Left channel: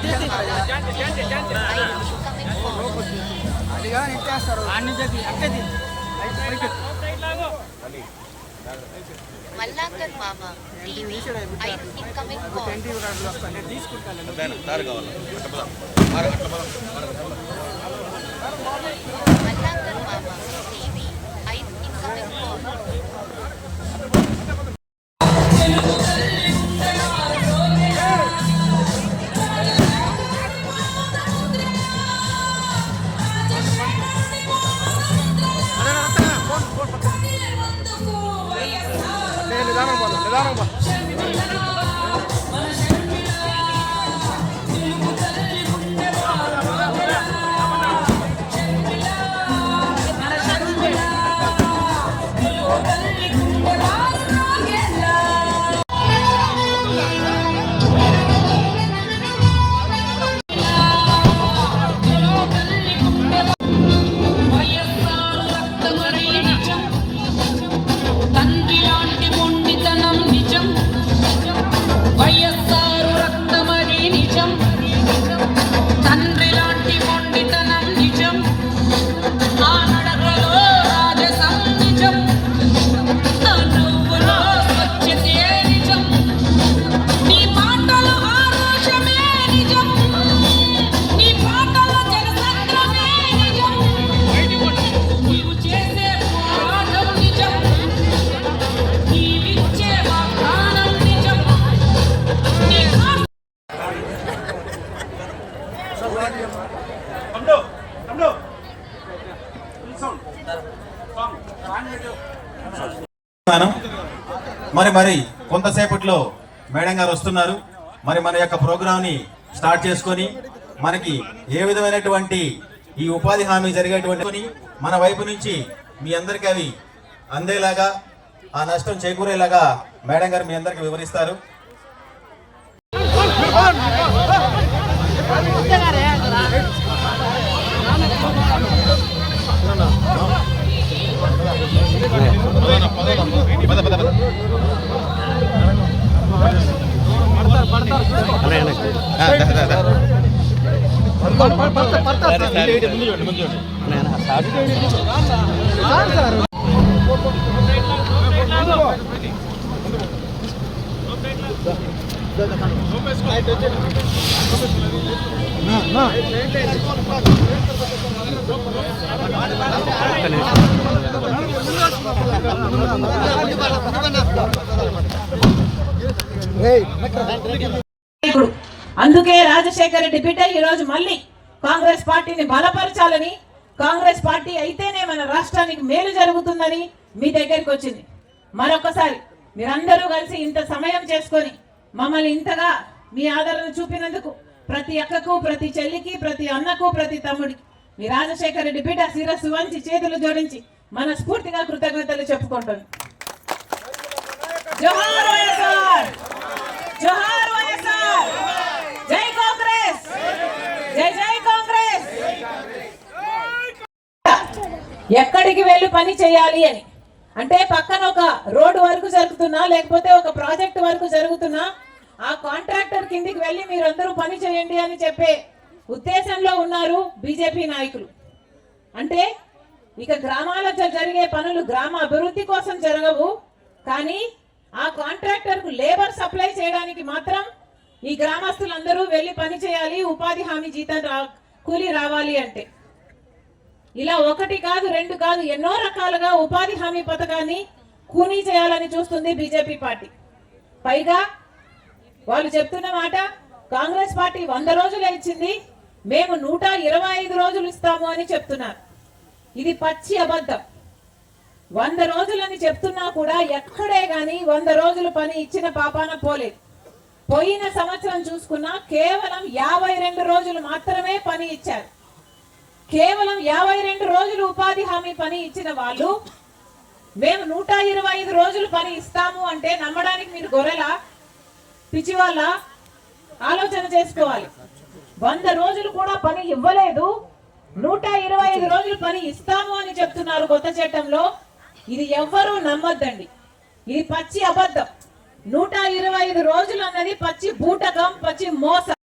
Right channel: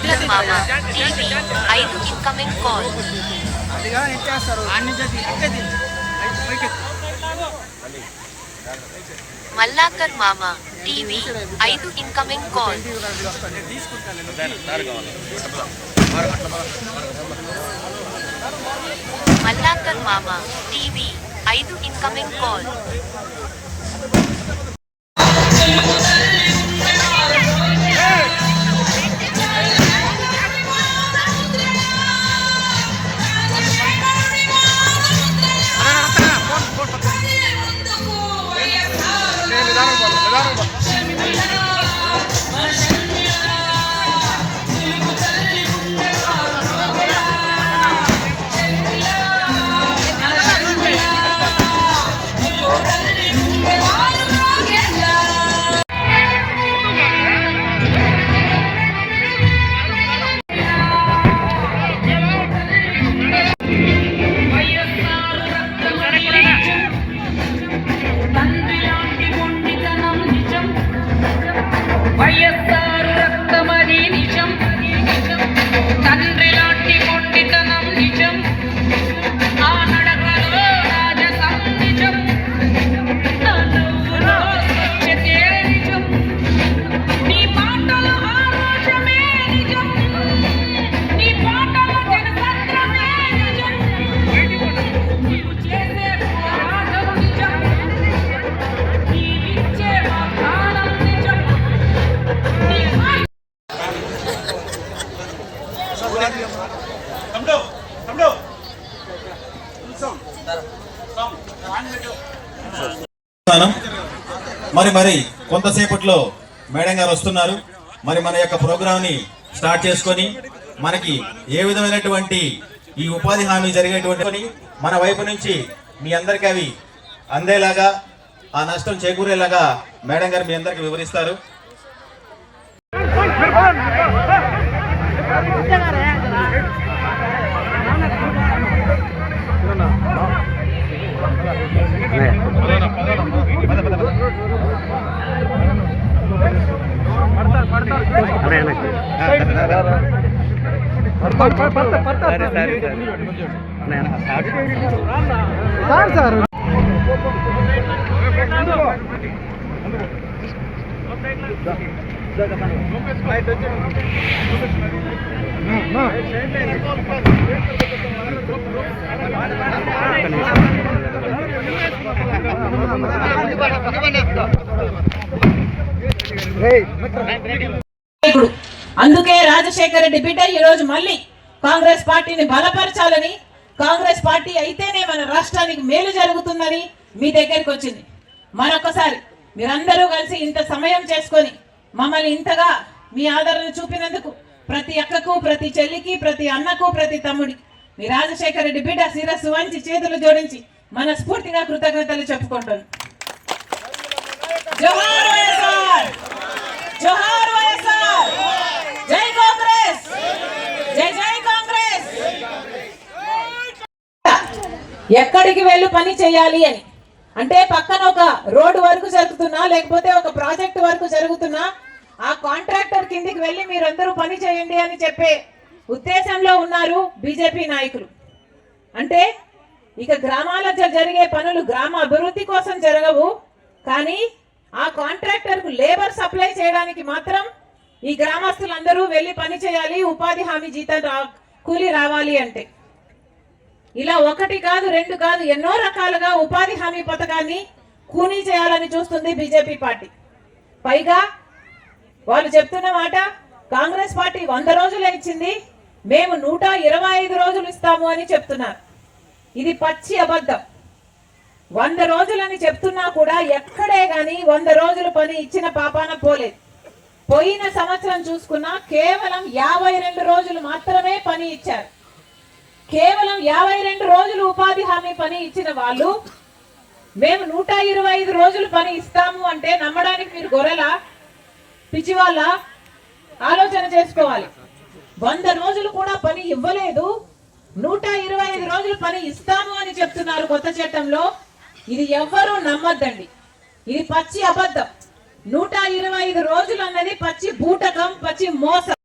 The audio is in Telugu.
మల్లాకర్ మామ టీవీ 5 ఇన్కమింగ్ కాల్. మల్లాకర్ మామ టీవీ 5 ఇన్కమింగ్ కాల్. మల్లాకర్ మామ టీవీ 5 ఇన్కమింగ్ కాల్. మరి కొంతసేపట్లో మేడం గారు వస్తున్నారు. మరి మన యొక్క ప్రోగ్రామ్ ని స్టార్ట్ చేసుకొని మనకి ఏ విధమైనటువంటి ఈ ఉపాధి హామీ జరిగేటువంటి మన వైపు నుంచి మీ అందరికీ అవి అందేలాగా ఆ నష్టం చేకూరేలాగా మేడం గారు మీ అందరికి వివరిస్తారు. అందుకే రాజశేఖర రెడ్డి బిడ్డ ఈ రోజు మళ్ళీ కాంగ్రెస్ పార్టీని బలపరచాలని, కాంగ్రెస్ పార్టీ అయితేనే మన రాష్ట్రానికి మేలు జరుగుతుందని మీ దగ్గరికి వచ్చింది. మరొకసారి మీరందరూ కలిసి ఇంత సమయం చేసుకొని మమ్మల్ని ఇంతగా మీ ఆదరణ చూపినందుకు ప్రతి అక్కకు, ప్రతి చెల్లికి, ప్రతి అన్నకు, ప్రతి తమ్ముడికి మీ రాజశేఖర రెడ్డి బిడ్డ శిరస్సు వంచి చేతులు జోడించి మనస్ఫూర్తిగా కృతజ్ఞతలు చెప్పుకుంటాను. జోహార్ వైఎస్ఆర్, జోహార్ వైఎస్ఆర్, జై కాంగ్రెస్, జై జై కాంగ్రెస్. ఎక్కడికి వెళ్ళి పని చేయాలి అని అంటే పక్కన ఒక రోడ్డు వరకు జరుగుతున్నా లేకపోతే ఒక ప్రాజెక్ట్ వరకు జరుగుతున్నా ఆ కాంట్రాక్టర్ కిందికి వెళ్ళి మీరందరూ పని చేయండి అని చెప్పే ఉద్దేశంలో ఉన్నారు బీజేపీ నాయకులు. అంటే ఇక గ్రామాలలో జరిగే పనులు గ్రామ అభివృద్ధి కోసం జరగవు, కానీ ఆ కాంట్రాక్టర్ కు లేబర్ సప్లై చేయడానికి మాత్రం ఈ గ్రామస్తులందరూ వెళ్ళి పని చేయాలి, ఉపాధి హామీ జీతం కూలి రావాలి అంటే. ఇలా ఒకటి కాదు, రెండు కాదు, ఎన్నో రకాలుగా ఉపాధి హామీ పథకాన్ని కూనీ చేయాలని చూస్తుంది బీజేపీ పార్టీ. పైగా వాళ్ళు చెప్తున్న మాట, కాంగ్రెస్ పార్టీ 100 రోజులు ఇచ్చింది, మేము 125 రోజులు ఇస్తాము అని చెప్తున్నారు. ఇది పచ్చి అబద్ధం. 100 రోజులని చెప్తున్నా కూడా ఎక్కడే గాని 100 రోజులు పని ఇచ్చిన పాపాన పోలేదు. పోయిన సంవత్సరం చూసుకున్నా కేవలం 52 రోజులు మాత్రమే పని ఇచ్చారు. కేవలం 52 రోజులు ఉపాధి హామీ పని ఇచ్చిన వాళ్ళు మేము 125 రోజులు పని ఇస్తాము అంటే నమ్మడానికి మీరు గొర్రెలా, పిచ్చి వాళ్ళ? ఆలోచన చేసుకోవాలి. 100 రోజులు కూడా పని ఇవ్వలేదు, 125 రోజులు పని ఇస్తాము అని చెప్తున్నారు కొత్త చట్టంలో. ఇది ఎవ్వరూ నమ్మద్దండి, ఇది పచ్చి అబద్ధం. 125 రోజులు అన్నది పచ్చి బూటకం, పచ్చి మోసం.